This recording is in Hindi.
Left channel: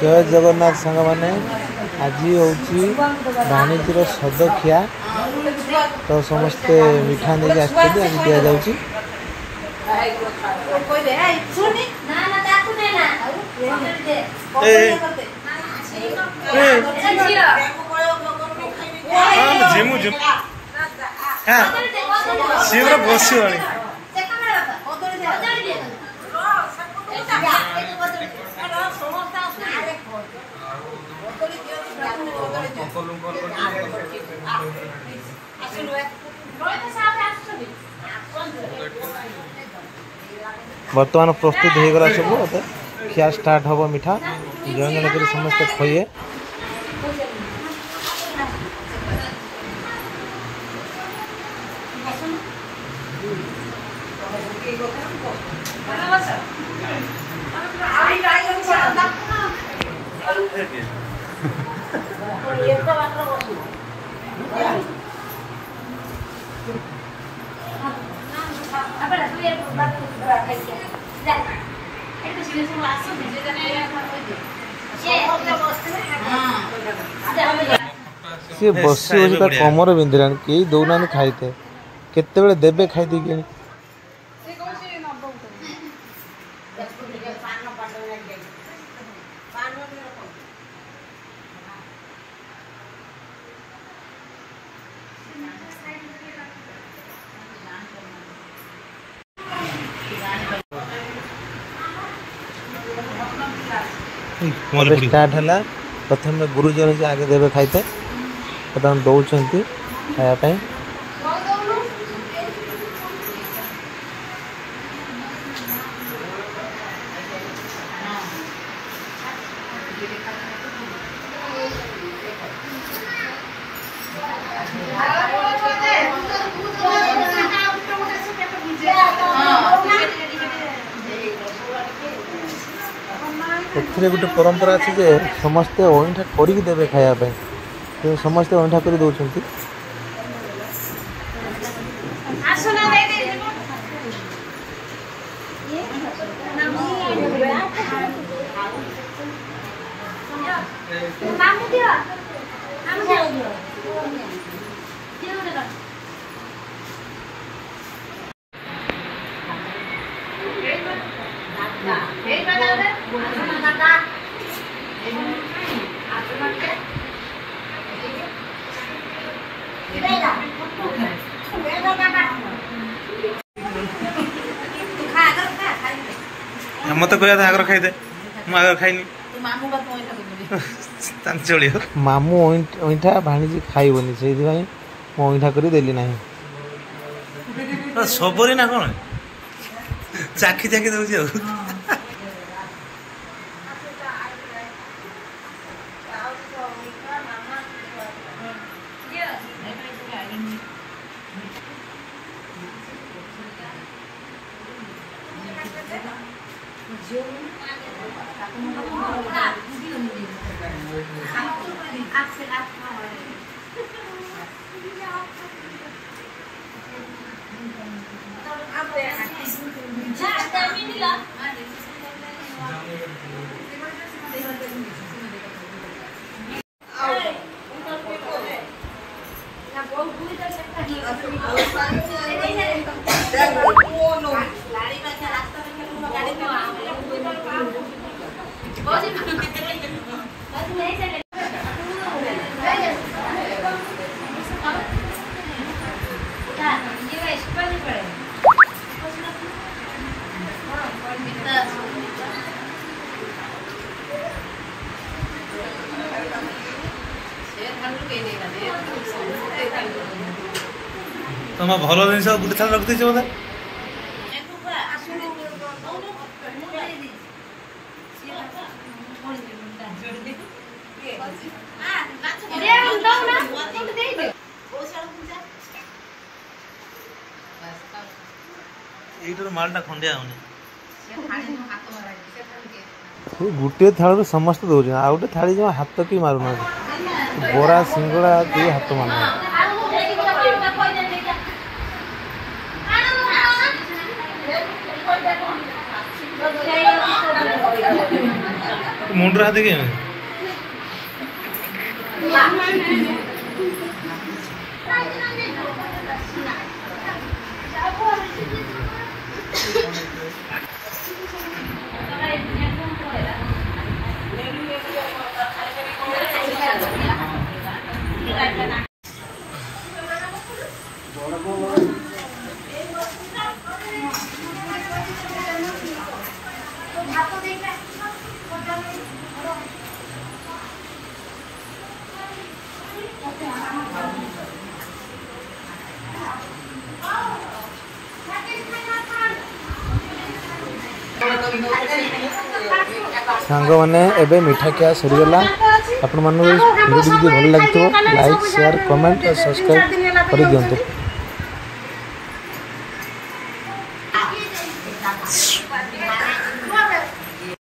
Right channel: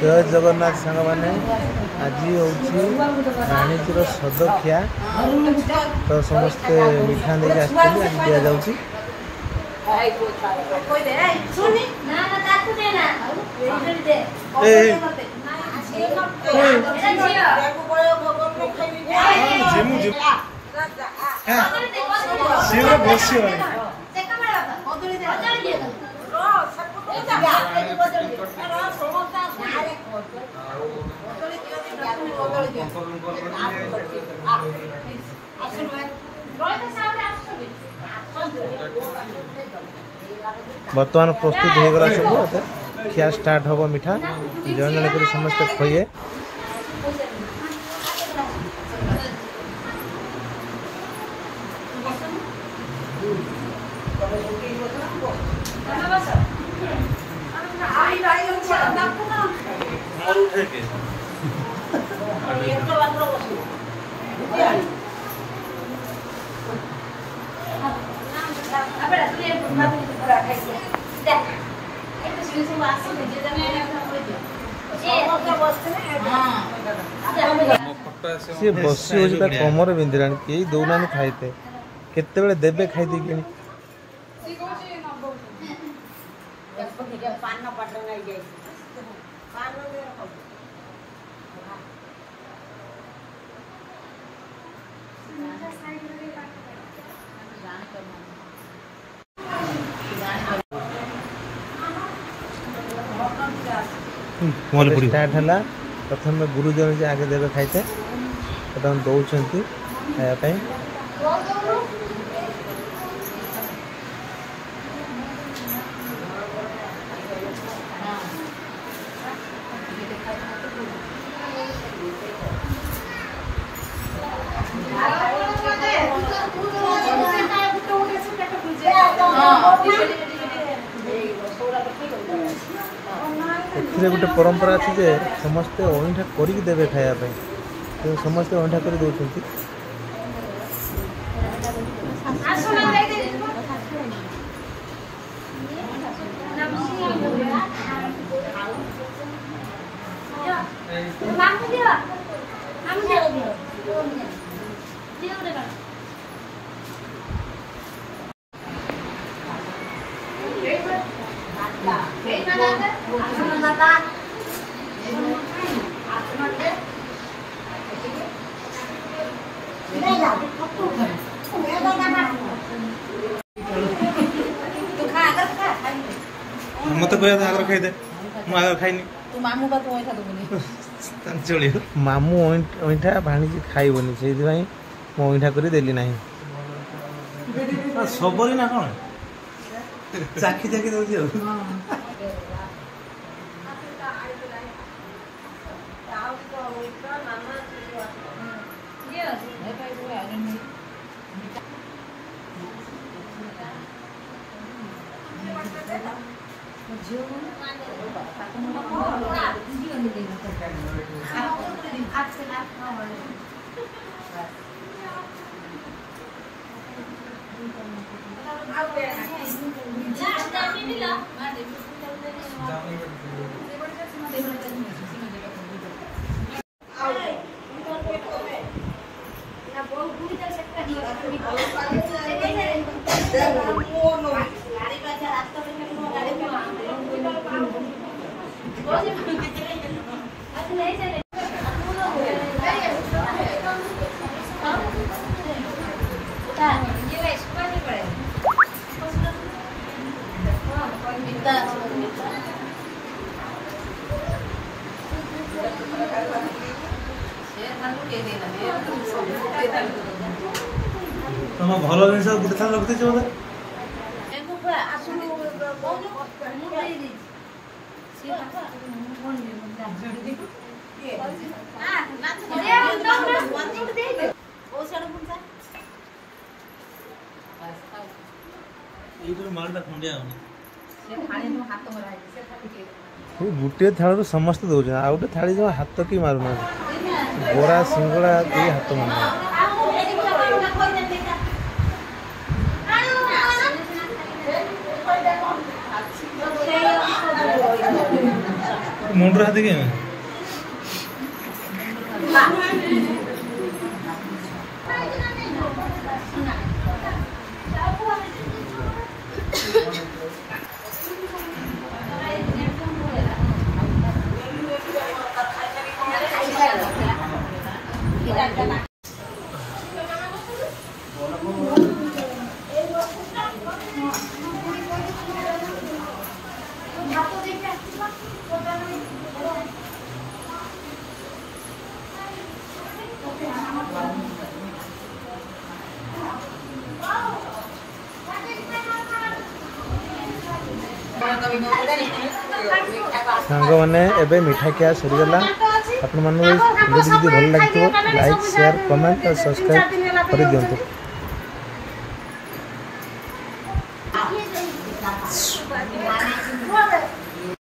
जय जगन्नाथ सांग मैंने आज हूँ भाणीजीर सदखिया तो समस्ते मिठा नहीं आज दि जाऊँगी सी बस बर्तमान प्रस्तुत हो गला सब खिया स्टार्ट हम मिठा जन जन कर समस्ते खोए सी बसी हो कमर बिंधिला कई दौना खाईते केते देवे खाई कि स्टार्ट है प्रथम गुरुजन से आगे देवे खाईते दौरान खायापाई एथिरे गोटे परंपरा अच्छी जे समस्ते अईठा करिक देवे खायापाई तो समस्ते अईठा कर दौरान मत कह आगर खाईदे मुझे खाईनी चलिए मामू अईठा भाणीजी खाइबनी से मु अईठा कर देली ना सबरी ना कौन चाखी चाखी दौर तुम भल जिन गोटे थाल रखी बोधे मालटा खंडिया गोटे थाल समस्त दौर आ गए थाली जो हाथ कि मारूना बरा सिंगड़ा के हाथ मारना मुंडर हाथ के सांग मैंने एबे मिठा क्या सरीगला आपण मान वीडियो भल लगी लाइक शेयर कमेंट और सब्सक्राइब कर दिंतु।